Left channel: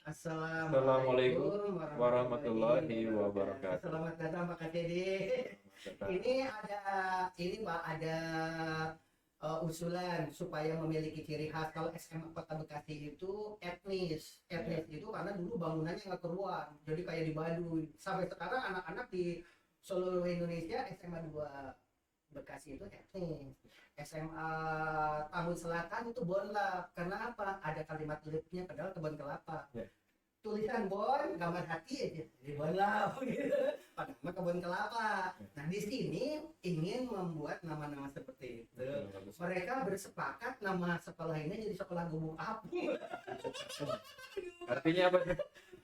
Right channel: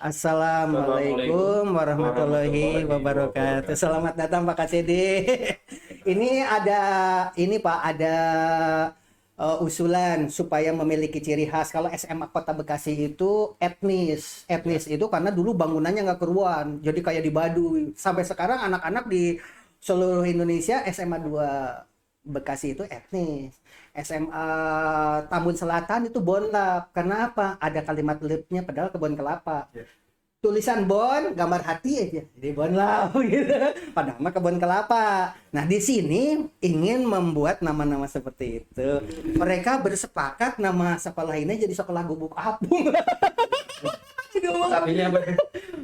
Assalamualaikum warahmatullahi wabarakatuh. Selamat datang Pak KCD. Ini Pak ada usulan supaya memiliki ciri khas. Kalau SMA Kota Bekasi itu etnis. Etnis itu karena dulu bangunannya nggak keruan, jadi kayak di Baduy. Sampai sekarang anak-anak di seluruh Indonesia SMA 2 Bekasi itu etnis. SMA Tambun Selatan itu bonlap. Kenapa? Ada kalimat lipnya padahal kebun kelapa. Tulisan bon, gambar hati aja. Jadi bonlap gitu. Padahal mah kebun kelapa. Nah, di sini ingin membuat nama-nama seperti itu. Mereka bersepakat nama sekolah ini jadi sekolah gubuk apung. Artinya apa?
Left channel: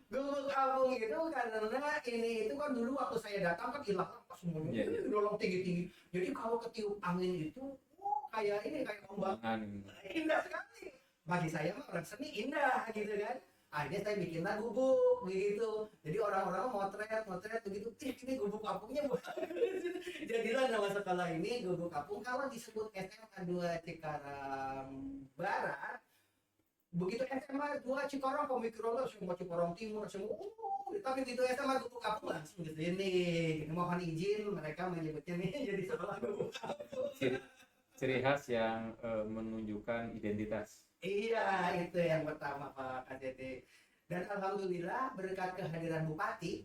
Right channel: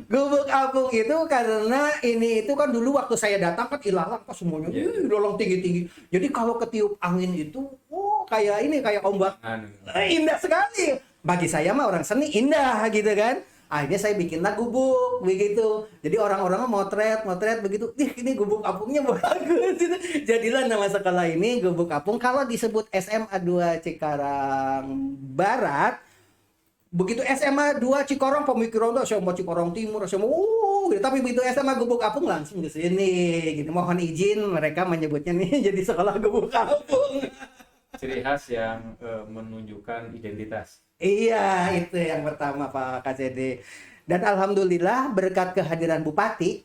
Gubuk apung itu karena ini itu kan dulu waktu saya datang kan ilalang pas semuanya lolong tinggi-tinggi. Jadi kalau ketiup angin itu kayak ombak. Indah sekali. Bagi saya mah orang seni indah gitu kan. Akhirnya saya bikinlah gubuk begitu. Jadi orang-orang motret begitu. Ini gubuk apungnya bagus. Jadilah nama sekolah ini Gubuk Apung. Kalau disebut SMA 2 Cikarang Barat, begitu SMA 2 Cikarang pemikiran tuh SMA Cikarang Timur, SMA gitu. Tapi begitu SMA Gubuk Apung langsung di sini gitu. Mohon izin mereka menyebutnya nih jadi sekolah Gubuk Apung. Ciri khas yang menunjukkan identitas. Iya, itu yang pertama Pak KCD. Dan alhamdulillah berkat kehadiran Bupati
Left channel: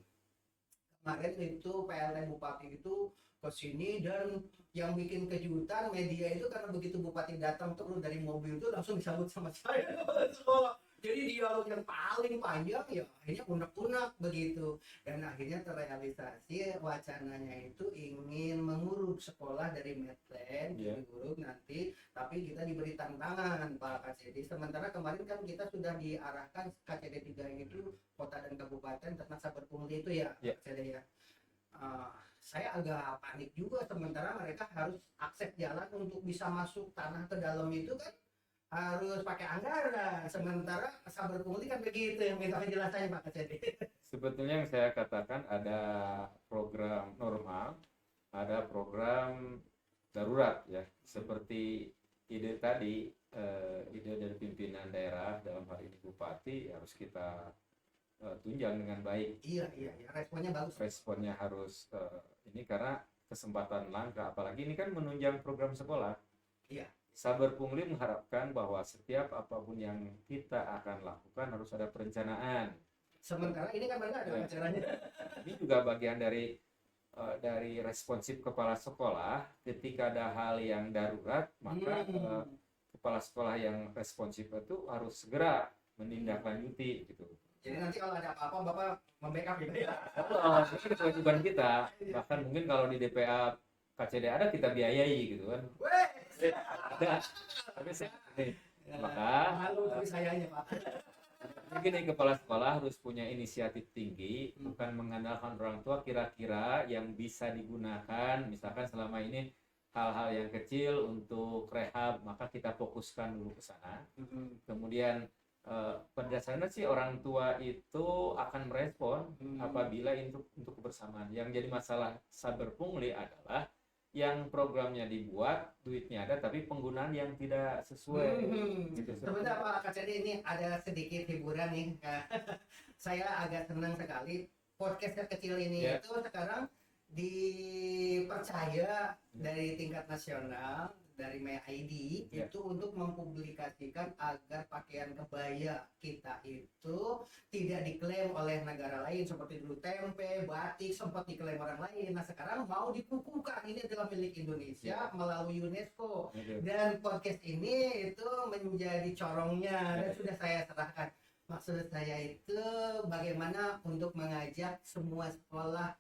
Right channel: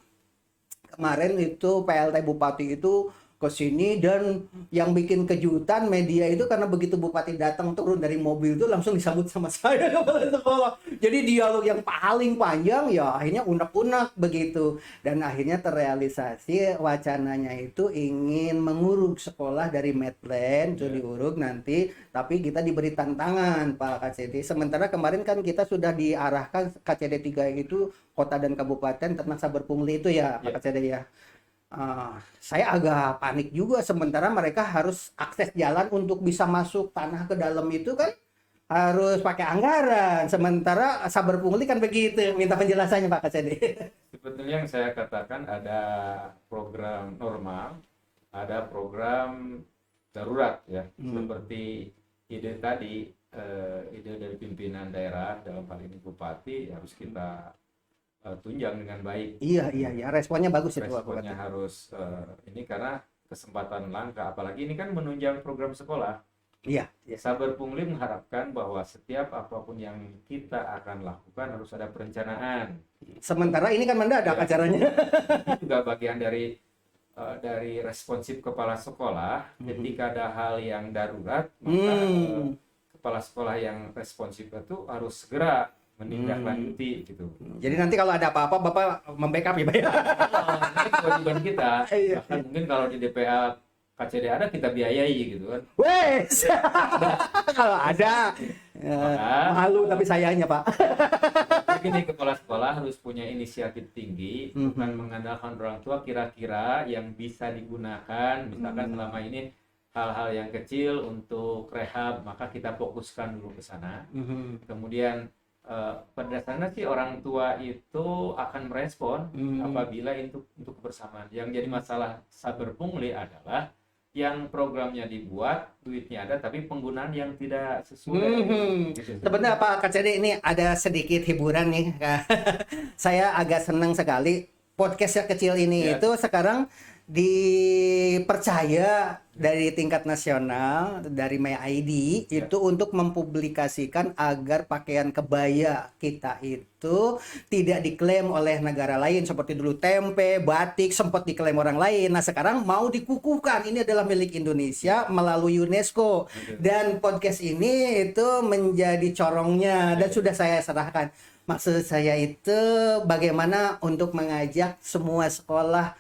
kemarin itu PLT Bupati itu ke sini, dan yang bikin kejutan media itu karena begitu Bupati datang turun dari mobil itu langsung disambut sama saya kepala sekolah. Jadi dialog yang paling panjang ya akhirnya unek-unek begitu, dan akhirnya terrealisasi wacananya itu ingin menguruk sekolah dari Medland itu diuruk nanti, tapi kita diberi tantangan Pak KCD. Sementara kemarin kan kita sudah diarahkan KCD 3 itu kota dan kabupaten tentang saber pungli itu ya Pak KCD ya. Saya agak panik juga, sementara mereka harus akses jalan untuk bisa masuk tanah ke dalam itu kan harus pakai anggaran, sementara saber pungli kan begitu. Minta penjelasannya Pak KCD. Sebetulnya yang saya katakan ada program normal, ada program darurat ya. Seperti ide tadi, ide dari pimpinan daerah dalam hal ini Bupati harus kita tunjang dengan baik. Iya, responnya bagus itu. Responnya harus ini karena kesempatan langka, apalagi ini kan menunjang program sekolah. Iya. Saber Pungli mengharapkan bahwa setiap apapun yang kita akan lakukan harus ada perencanaan. Sementara ini kan mendadak acaranya. Itu juga bagian dari responsif kepala sekolah. Ketika ada hal yang darurat, maka kepala sekolah yang responsif itu harus segera menindaklanjuti gitu. Jadi nanti kalau ada apa-apa Bapak membackup ya Pak ya? Ini kewajiban kita. Bahkan mungkin kalau di DPA KCD ada, kita biayai gitu kan. Wes. Kalau ada. Malu tapi sayangnya Pak. Begini, kepala sekolah harus punya inisiatif tinggi, bukan mengandalkan orang tua kira-kira yang bisa digunakan. Misalkan selama ini hal-hal yang kecil untuk rehab, maka kita fokuskan dulu ke sana. Kemudian pada dasarnya sih orang tua itu akan merespon apabila itu untuk kebersamaan. Yang jadi masalah saber pungli adalah yang programnya dibuat, duitnya ada, tapi penggunaan yang tidak sesuai. Gitu. Sebenarnya Pak KCD ini ada sedikit hiburan nih. Saya agak senang sekali podcast yang kecil ini itu sekarang dipercaya dari tingkat nasional, dari MyID itu untuk mempublikasikan agar pakaian kebaya kita itu tidak diklaim oleh negara lain seperti dulu tempe, batik sempat diklaim orang lain. Nah, sekarang mau dikukuhkan ini adalah milik Indonesia melalui UNESCO. Dan podcast ini itu menjadi corongnya dan sudah saya serahkan. Maksud saya itu bagaimana untuk mengajak semua sekolah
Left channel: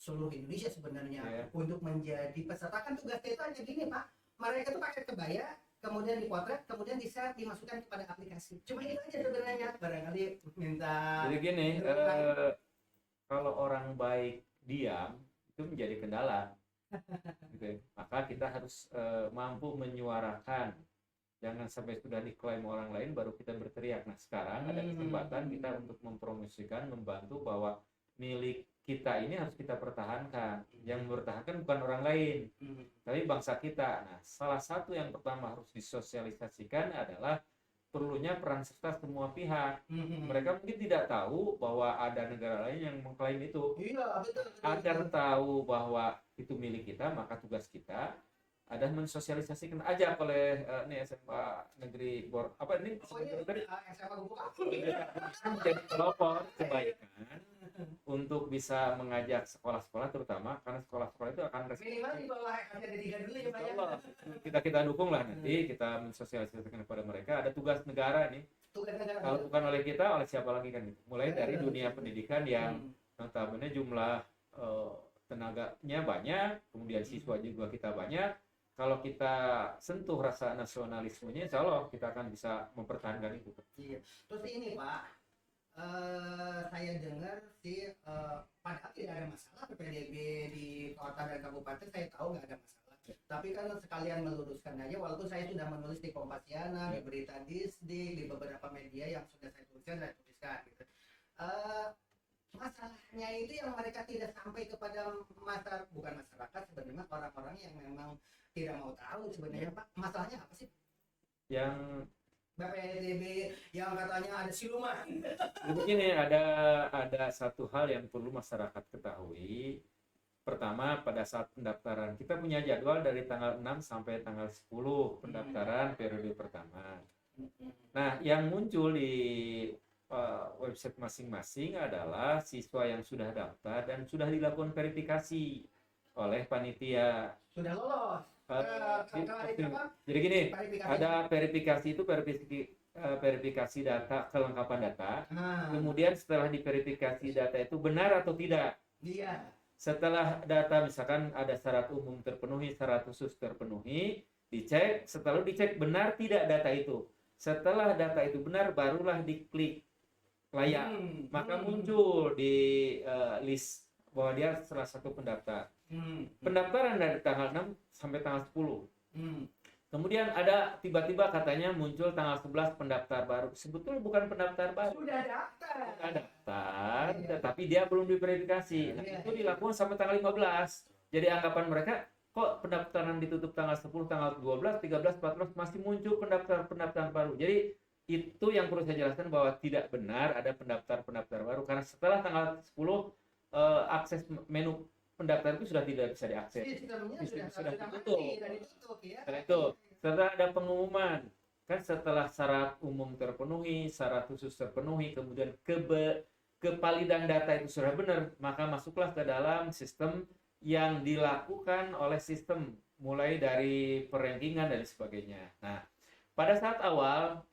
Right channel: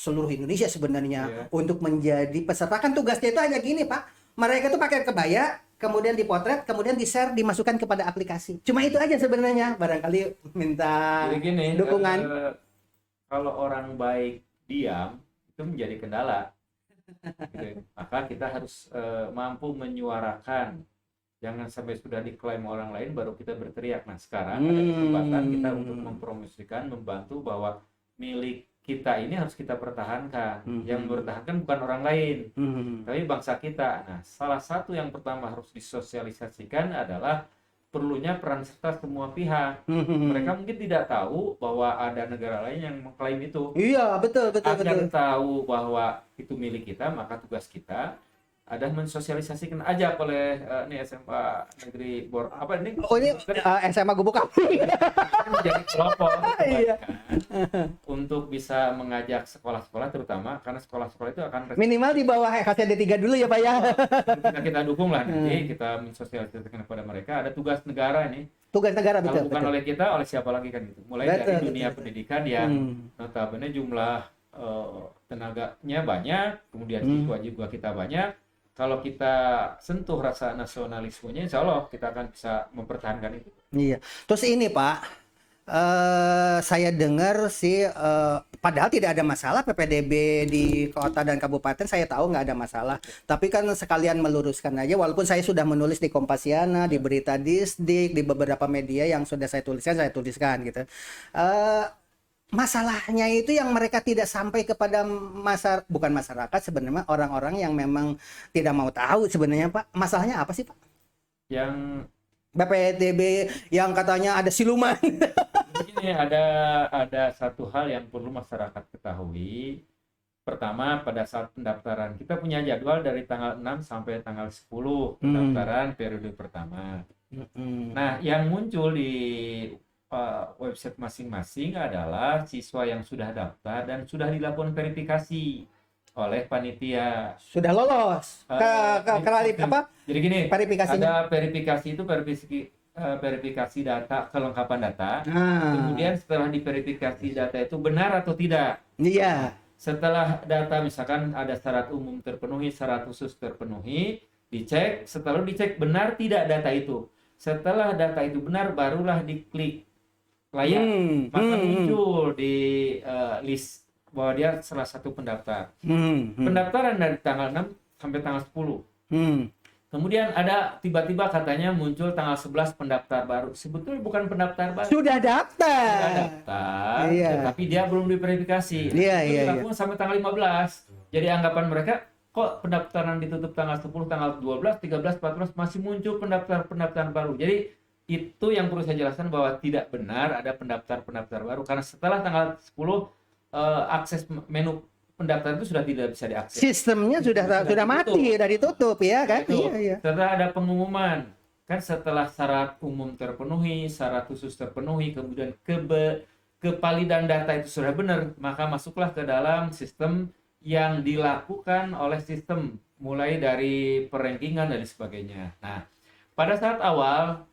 seluruh Indonesia sebenarnya untuk menjadi peserta. Kan tugasnya itu hanya gini Pak, mereka tuh pakai kebaya, kemudian dipotret, kemudian di-share, dimasukkan kepada aplikasi. Cuma itu aja sebenarnya. Barangkali minta dukungan. Kalau orang baik diam itu menjadi kendala. Gitu. Maka kita harus mampu menyuarakan. Jangan sampai sudah diklaim orang lain baru kita berteriak. Nah, sekarang ada kesempatan kita untuk mempromosikan, membantu bahwa milik kita ini harus kita pertahankan. Yang mempertahankan bukan orang lain, tapi bangsa kita. Nah, salah satu yang pertama harus disosialisasikan adalah perlunya peran serta semua pihak. Mereka mungkin tidak tahu bahwa ada negara lain yang mengklaim itu. Iya, betul, betul, Agar betul. tahu bahwa itu milik kita, maka tugas kita ada mensosialisasikan aja oleh ini SMA Negeri apa ini? Oh, ini SMA Gubuk Kami. Menjadi kelompok Iya. kebaikan untuk bisa mengajak sekolah-sekolah, terutama karena sekolah-sekolah itu akan Minimal di bawah KCD 3 dulu ya, Pak ya. kita dukung lah nanti, kita mensosialisasikan kepada mereka. Ada tugas negara ini. Tugas negara, Kalau betul, bukan betul. oleh kita, oleh siapa lagi kan gitu. Mulai Betul, dari betul. dunia pendidikan yang notabene jumlah tenaganya banyak, kemudian siswa juga kita banyak. Kalau kita sentuh rasa nasionalismenya, insya Allah kita akan bisa mempertahankan itu. Iya. Terus ini Pak, saya dengar sih, padahal tidak ada masalah PPDB di kota dan kabupaten, saya tahu nggak ada masalah. Tapi kan sekalian meluruskan aja, walaupun saya sudah menulis di Kompasiana, di Berita Distrik, di beberapa media yang sudah saya tuliskan gitu. Masalahnya itu yang mereka tidak sampai kepada bukan masyarakat sebenarnya, orang-orang yang memang tidak mau tahu sebenarnya Pak. Masalahnya apa sih Pak? Yang BPDB yang katanya ada siluman. begini, ada satu hal yang perlu masyarakat ketahui. Pertama, pada saat pendaftaran, kita punya jadwal dari tanggal 6 sampai tanggal 10 pendaftaran periode pertama. Nah, yang muncul di website masing-masing adalah siswa yang sudah daftar dan sudah dilakukan verifikasi oleh panitia. Sudah lolos apa? Jadi gini, Verifikasinya. ada verifikasi itu verifikasi data, kelengkapan data. Kemudian setelah diverifikasi data itu benar atau tidak. Iya. Setelah data misalkan ada syarat umum terpenuhi, syarat khusus terpenuhi, dicek. Setelah dicek benar tidak data itu. Setelah data itu benar, barulah diklik layak. Maka muncul di list bahwa dia salah satu pendaftar. Pendaftaran dari tanggal 6 sampai tanggal 10. Kemudian ada tiba-tiba katanya muncul tanggal 11 pendaftar baru. Sebetulnya bukan pendaftar baru. Sudah daftar. Sudah daftar, Iya. tetapi dia belum diverifikasi. Iya, Itu iya, dilakukan sampai tanggal 15. Jadi anggapan mereka, kok pendaftaran ditutup tanggal 10, tanggal 12, 13, 14 masih muncul pendaftaran baru. Jadi itu yang perlu saya jelaskan bahwa tidak benar ada pendaftar baru, karena setelah tanggal 10 akses menu pendaftaran itu sudah tidak bisa diakses. Sistemnya sudah mati, sudah ditutup ya kan? Itu. Iya. Setelah ada pengumuman, kan setelah syarat umum terpenuhi, syarat khusus terpenuhi, kemudian kevalidan data itu sudah benar, maka masuklah ke dalam sistem yang dilakukan oleh sistem, mulai dari perankingan dan sebagainya. Nah, pada saat awal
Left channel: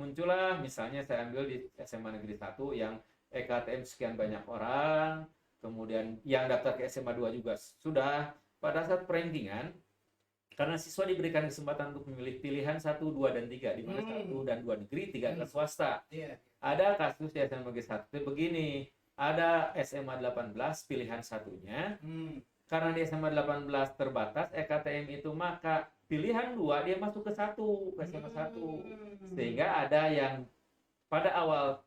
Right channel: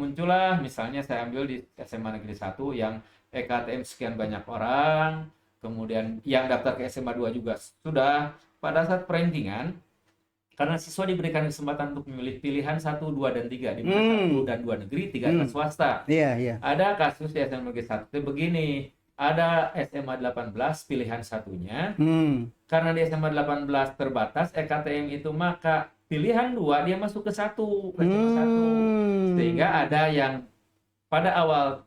muncullah, misalnya saya ambil di SMA Negeri 1 yang EKTM sekian banyak orang, kemudian yang daftar ke SMA 2 juga sudah. Pada saat perankingan, karena siswa diberikan kesempatan untuk memilih pilihan 1, 2, dan 3, di mana 1 dan 2 negeri, 3 adalah swasta. Iya. Ada kasus di SMA Negeri 1 itu begini, ada SMA 18 pilihan satunya, karena di SMA 18 terbatas EKTM itu, maka pilihan 2 dia masuk ke SMA 1. Sehingga ada yang pada awal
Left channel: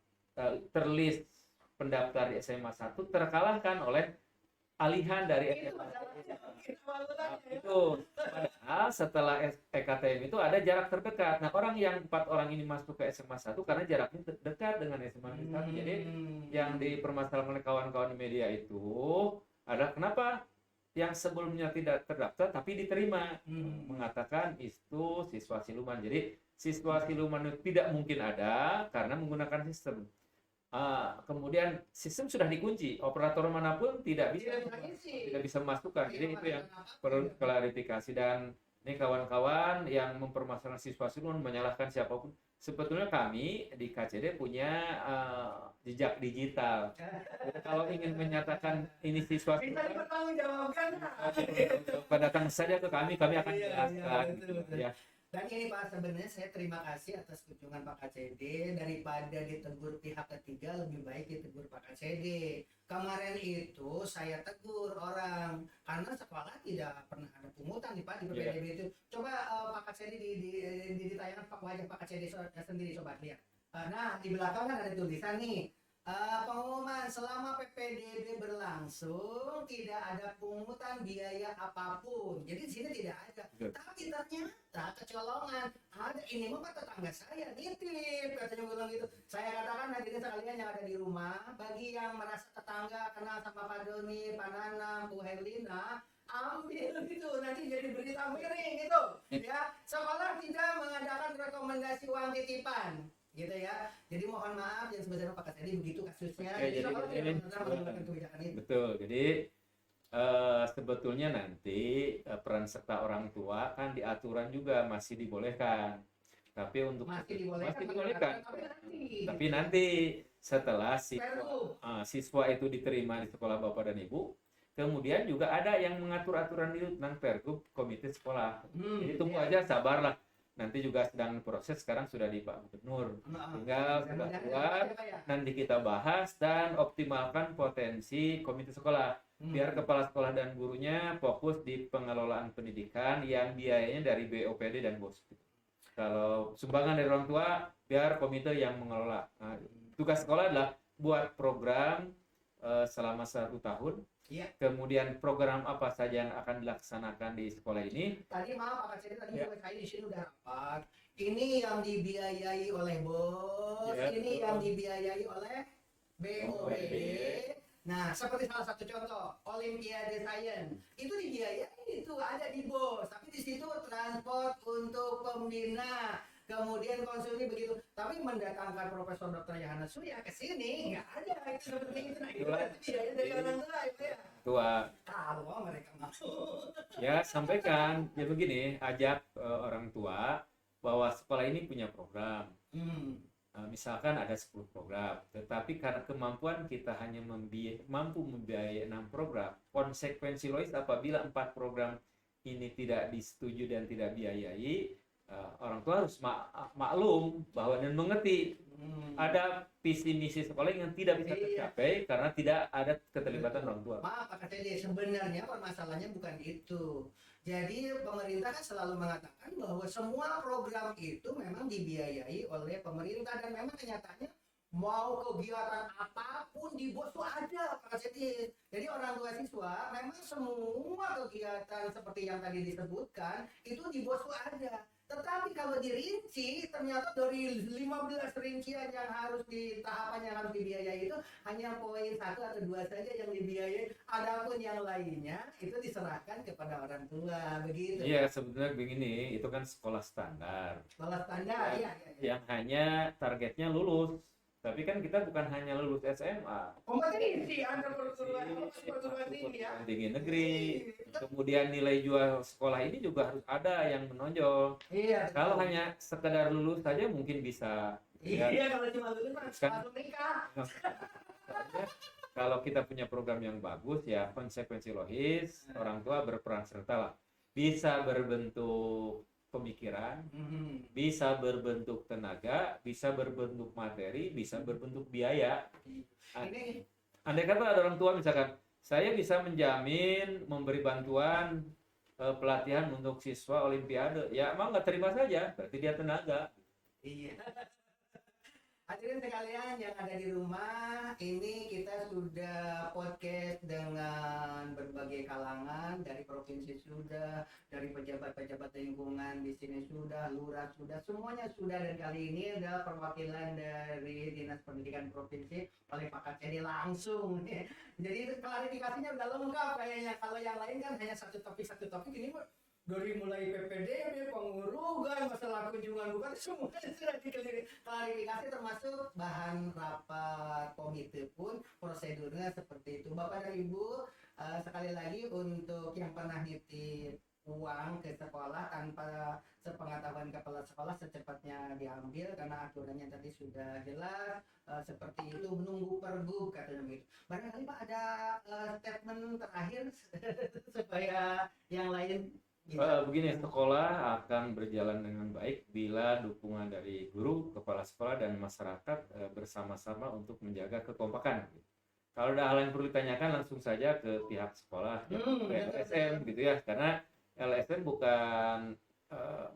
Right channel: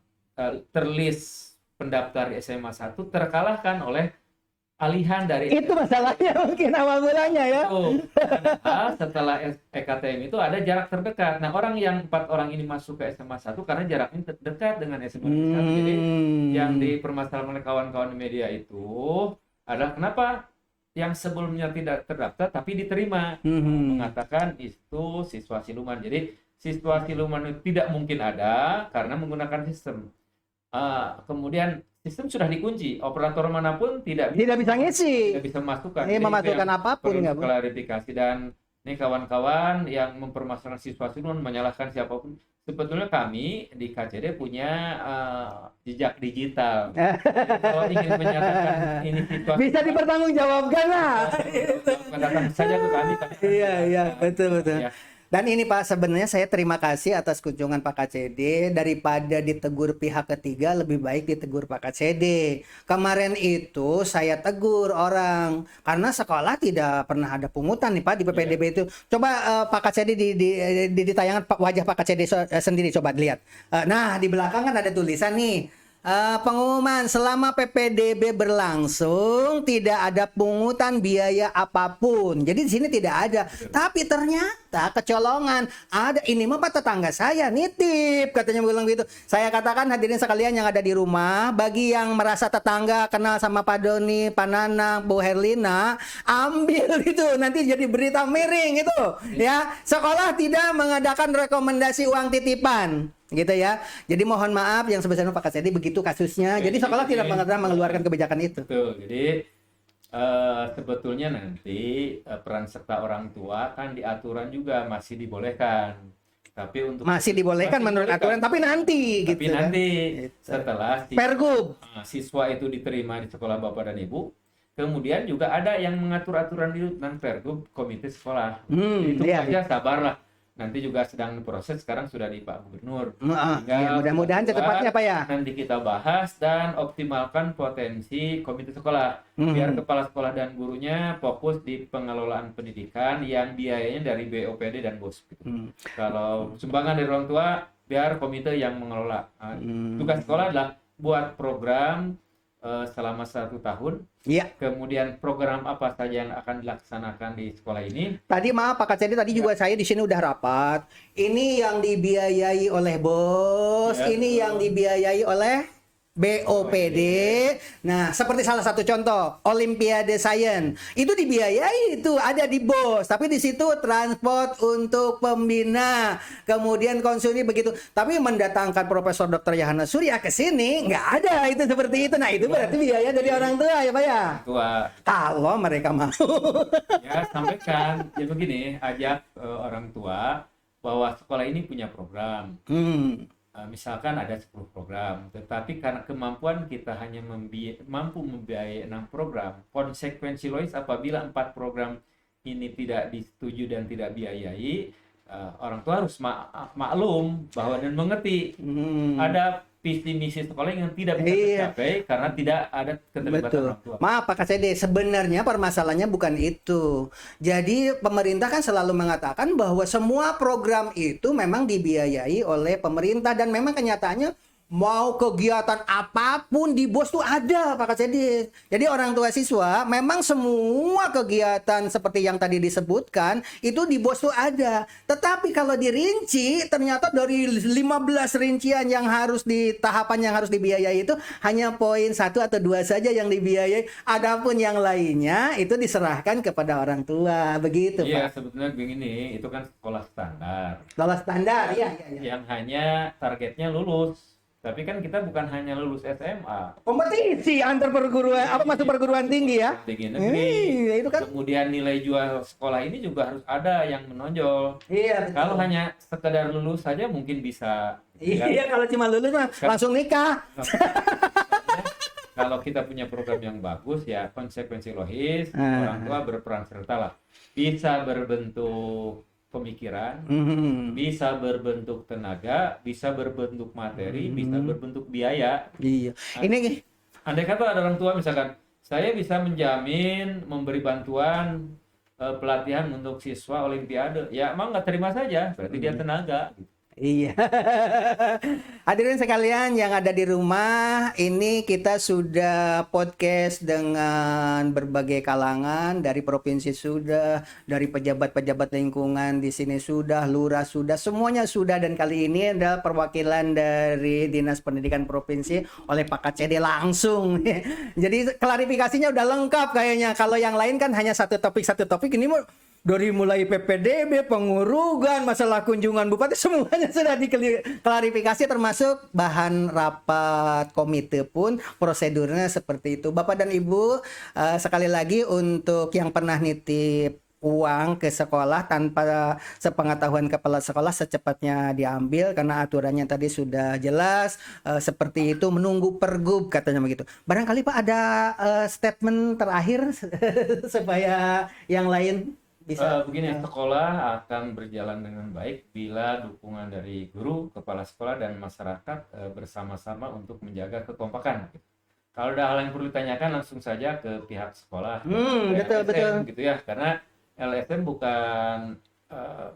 terlist pendaftar SMA 1 terkalahkan oleh alihan dari Itu masalahnya mungkin awal mulanya ya. Padahal setelah EKTM itu ada jarak terdekat. Nah, yang 4 orang ini masuk ke SMA 1 karena jaraknya dekat dengan SMA 1. Jadi yang dipermasalahkan oleh kawan-kawan media itu adalah kenapa yang sebelumnya tidak terdaftar tapi diterima, mengatakan itu siswa siluman. Jadi siswa siluman itu tidak mungkin ada karena menggunakan sistem. Kemudian sistem sudah dikunci, operator manapun tidak bisa ngisi. tidak bisa memasukkan. Ini memasukkan apapun perlu nggak, Bu? klarifikasi. Dan ini kawan-kawan yang mempermasalahkan siswa siluman, menyalahkan siapapun, sebetulnya kami di KCD punya jejak digital. Kalau ingin menyatakan ini siswa Bisa dipertanggungjawabkan lah. datang saja ke kami akan Iya, betul. Ya. Dan ini Pak, sebenarnya saya terima kasih atas kunjungan Pak KCD. Daripada ditegur pihak ketiga, lebih baik ditegur Pak KCD. Kemarin itu saya tegur orang karena sekolah tidak pernah ada pungutan nih Pak di PPDB itu. Coba Pak KCD di tayangan wajah Pak KCD sendiri, coba dilihat. Nah, di belakang kan ada tulisan nih, Pengumuman selama PPDB berlangsung tidak ada pungutan biaya apapun. Jadi di sini tidak ada. Tapi ternyata kecolongan ada. Ini mah Pak tetangga saya nitip katanya bilang gitu. Saya katakan hadirin sekalian yang ada di rumah, bagi yang merasa tetangga kenal sama Pak Doni, Pak Nanang, Bu Herlina, ambil itu nanti jadi berita miring itu. Ya, sekolah tidak mengadakan rekomendasi uang titipan. Gitu ya. Jadi mohon maaf yang sebesar-besarnya Pak Kasedi begitu kasusnya. Jadi sekolah tidak pernah mengeluarkan kebijakan itu. Betul. Jadi sebetulnya nanti peran serta orang tua kan di aturan juga masih dibolehkan. Tapi untuk Masih dibolehkan menurut aturan, tapi nanti tapi gitu. nanti Gitu. setelah Pergub. siswa itu diterima di sekolah Bapak dan Ibu, kemudian juga ada yang mengatur aturan di tentang Pergub komite sekolah. Itu Iya, aja sabarlah. Nanti juga sedang diproses, sekarang sudah di Pak Gubernur. iya, Tinggal mudah-mudahan kita secepatnya Pak ya. nanti kita bahas dan optimalkan potensi komite sekolah. Biar kepala sekolah dan gurunya fokus di pengelolaan pendidikan yang biayanya dari BOPD dan BOS. Gitu. Kalau sumbangan dari orang tua, biar komite yang mengelola. Tugas sekolah adalah buat program selama 1 tahun. Iya. Kemudian program apa saja yang akan dilaksanakan di sekolah ini. Tadi maaf Pak Kasedi, tadi juga saya di sini udah rapat. Ini yang dibiayai oleh BOS, Ya, ini betul. yang dibiayai oleh BOPD. Nah, seperti salah satu contoh, Olimpiade Sains. Itu dibiayai itu ada di BOS, tapi di situ transport untuk pembina, kemudian konsumsi begitu. Tapi mendatangkan Profesor Dr. Yahana Surya ke sini nggak ada itu seperti itu. Nah, itu berarti biaya dari orang tua ya, Pak ya. Tua. Kalau mereka mau. Ya, sampaikan. Ya begini, ajak orang tua bahwa sekolah ini punya program. Misalkan ada 10 program, tetapi karena kemampuan kita hanya mampu membiayai 6 program, konsekuensi logis apabila 4 program ini tidak disetujui dan tidak biayai, orang tua harus maklum bahwa dan mengerti ada visi misi sekolah yang tidak bisa tercapai karena tidak ada keterlibatan Betul. orang tua. Maaf Pak Kasede, sebenarnya permasalahannya bukan itu. Jadi pemerintah kan selalu mengatakan bahwa semua program itu memang dibiayai oleh pemerintah dan memang kenyataannya mau kegiatan apapun di BOS tuh ada Pak Kasedi. Jadi orang tua siswa memang semua kegiatan seperti yang tadi disebutkan itu di BOS tuh ada. Tetapi kalau dirinci ternyata dari 15 rincian yang harus di tahapan yang harus dibiayai itu hanya poin 1 atau 2 saja yang dibiayai. Adapun yang lainnya itu diserahkan kepada orang tua. Begitu Iya, Pak. sebetulnya begini, itu kan sekolah standar. Lolos standar, iya. Yang hanya targetnya lulus. Tapi kan kita bukan hanya lulus SMA. Kompetisi antar perguruan masuk perguruan tinggi ya. Tinggi negeri. Iya, itu kan. Kemudian nilai jual sekolah ini juga harus ada yang menonjol. Iya. Kalau hanya sekedar lulus saja mungkin bisa. Ya. Iya, kalau cuma lulus mah langsung nikah. Kalau kita punya program yang bagus ya konsekuensi logis orang tua berperan serta lah. Bisa berbentuk pemikiran, bisa berbentuk tenaga, bisa berbentuk materi, bisa berbentuk biaya. Iya. Ini Andai kata ada orang tua misalkan, saya bisa menjamin memberi bantuan pelatihan untuk siswa Olimpiade, ya emang nggak terima saja, berarti dia tenaga. iya. Hadirin sekalian yang ada di rumah, ini kita sudah podcast dengan berbagai kalangan, dari provinsi sudah, dari pejabat-pejabat lingkungan di sini sudah, lurah sudah, semuanya sudah, dan kali ini adalah perwakilan dari Dinas Pendidikan Provinsi oleh Pak KCD langsung. Jadi klarifikasinya udah lengkap kayaknya. Kalau yang lain kan hanya satu topik, ini mau dari mulai PPDB, pengurugan, masalah kunjungan bupati, semuanya sudah diklarifikasi termasuk bahan rapat komite pun prosedurnya seperti itu. Bapak dan Ibu, sekali lagi untuk yang pernah nitip uang ke sekolah tanpa sepengetahuan kepala sekolah secepatnya diambil karena aturannya tadi sudah jelas seperti itu, menunggu pergub katanya begitu. Barangkali Pak ada statement terakhir supaya yang lain bisa. Begini, sekolah akan berjalan dengan baik bila dukungan dari guru, kepala sekolah, dan masyarakat bersama-sama untuk menjaga kekompakan. Kalau ada hal yang perlu ditanyakan langsung saja ke pihak sekolah, ke Betul, LSM, gitu ya, karena LSM bukan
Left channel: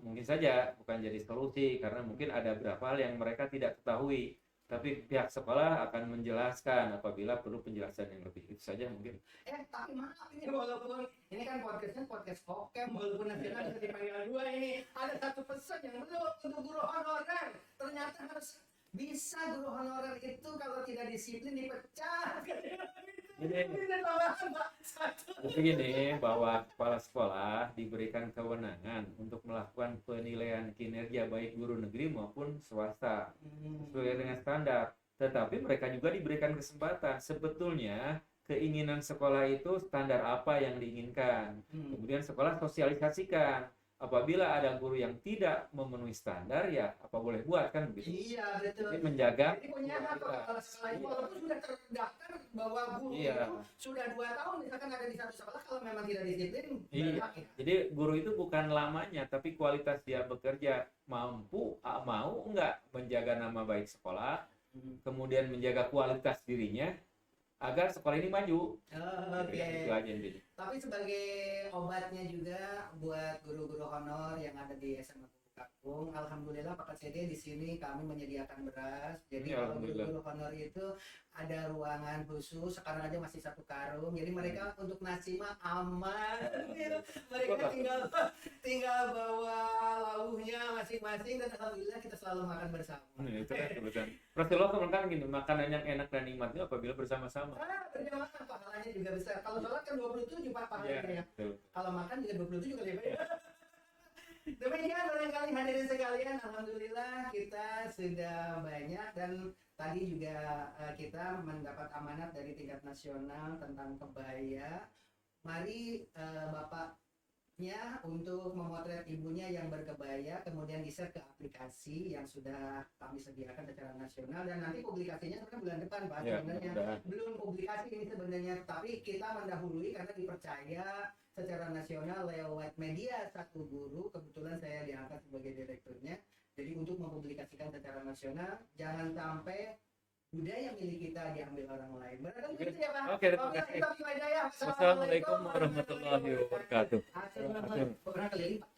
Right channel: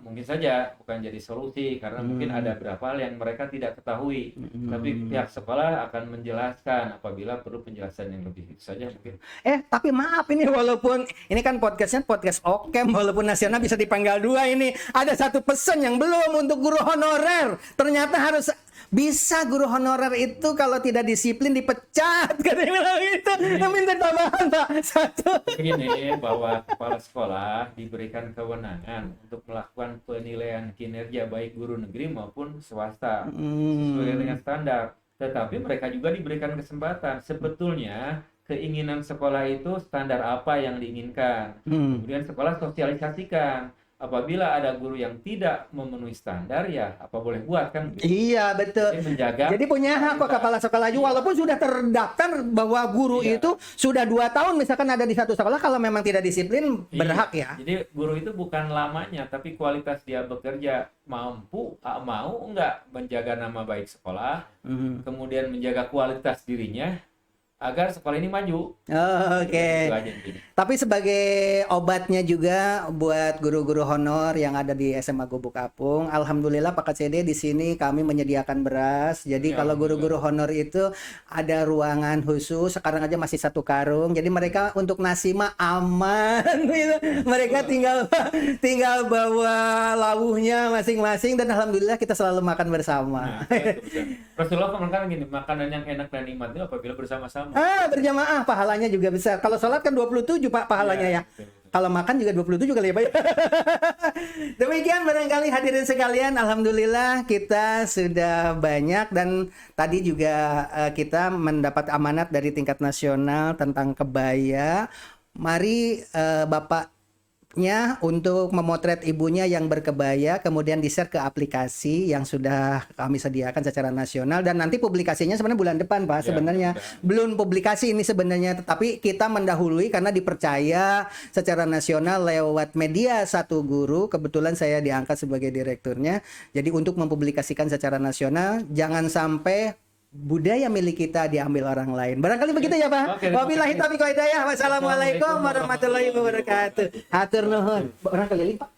mungkin saja bukan jadi solusi karena mungkin ada beberapa hal yang mereka tidak ketahui. Tapi pihak sekolah akan menjelaskan apabila perlu penjelasan yang lebih. Itu saja mungkin. Tapi maaf ini, walaupun ini kan podcastnya podcast Okem, walaupun nasional bisa dipanggal 2 ini. Ada satu pesan yang belum untuk guru honorer. Ternyata harus bisa guru honorer itu kalau tidak disiplin dipecat. Katanya bilang gitu. Minta tambahan Pak. Satu. Begini, bahwa kepala sekolah diberikan kewenangan untuk melakukan penilaian kinerja baik guru negeri maupun swasta sesuai dengan standar. Tetapi mereka juga diberikan kesempatan. Sebetulnya keinginan sekolah itu standar apa yang diinginkan. Kemudian sekolah sosialisasikan. Apabila ada guru yang tidak memenuhi standar, ya apa boleh buat kan? Iya betul. Jadi menjaga. Jadi punya hak kok kepala sekolah juga, walaupun sudah terdaftar bahwa guru itu sudah 2 tahun misalkan ada di satu sekolah, kalau memang tidak disiplin berhak ya. Jadi guru itu bukan lamanya, tapi kualitas dia bekerja, mampu mau enggak menjaga nama baik sekolah, kemudian menjaga kualitas dirinya agar sekolah ini maju. Oke. Itu aja intinya. Tapi sebagai obatnya juga buat guru-guru honor yang ada di SMA Gubuk Apung, alhamdulillah Pak KCD di sini kami menyediakan beras. Jadi kalau guru-guru honor itu ada ruangan khusus, sekarang aja masih 1 karung. Jadi mereka untuk nasi mah aman gitu. Mereka tinggal bawa lauhnya masing-masing dan alhamdulillah kita selalu makan bersama. Rasulullah kan gini, makanan yang enak dan nikmat itu apabila bersama-sama. Berjamaah pahalanya juga besar. Kalau sholat kan 27 Pak pahalanya ya. Kalau makan juga 27 kali ya Pak. Demikian barangkali hadirin sekalian, alhamdulillah kita sudah banyak dan tadi juga kita mendapat amanat dari tingkat nasional tentang kebaya. Mari Bapaknya untuk memotret ibunya yang berkebaya, kemudian di-share ke aplikasi yang sudah kami sediakan secara nasional, dan nanti publikasinya sebenarnya bulan depan Pak. Sebenarnya belum publikasi ini sebenarnya, tetapi kita mendahului karena dipercaya secara nasional lewat media Satu Guru. Kebetulan saya diangkat sebagai direkturnya. Jadi untuk mempublikasikan secara nasional, jangan sampai budaya milik kita diambil orang lain. Barangkali begitu ya Pak. Wabillahi taufiq wal hidayah. Wassalamualaikum warahmatullahi wabarakatuh. Hatur nuhun. Barangkali Pak.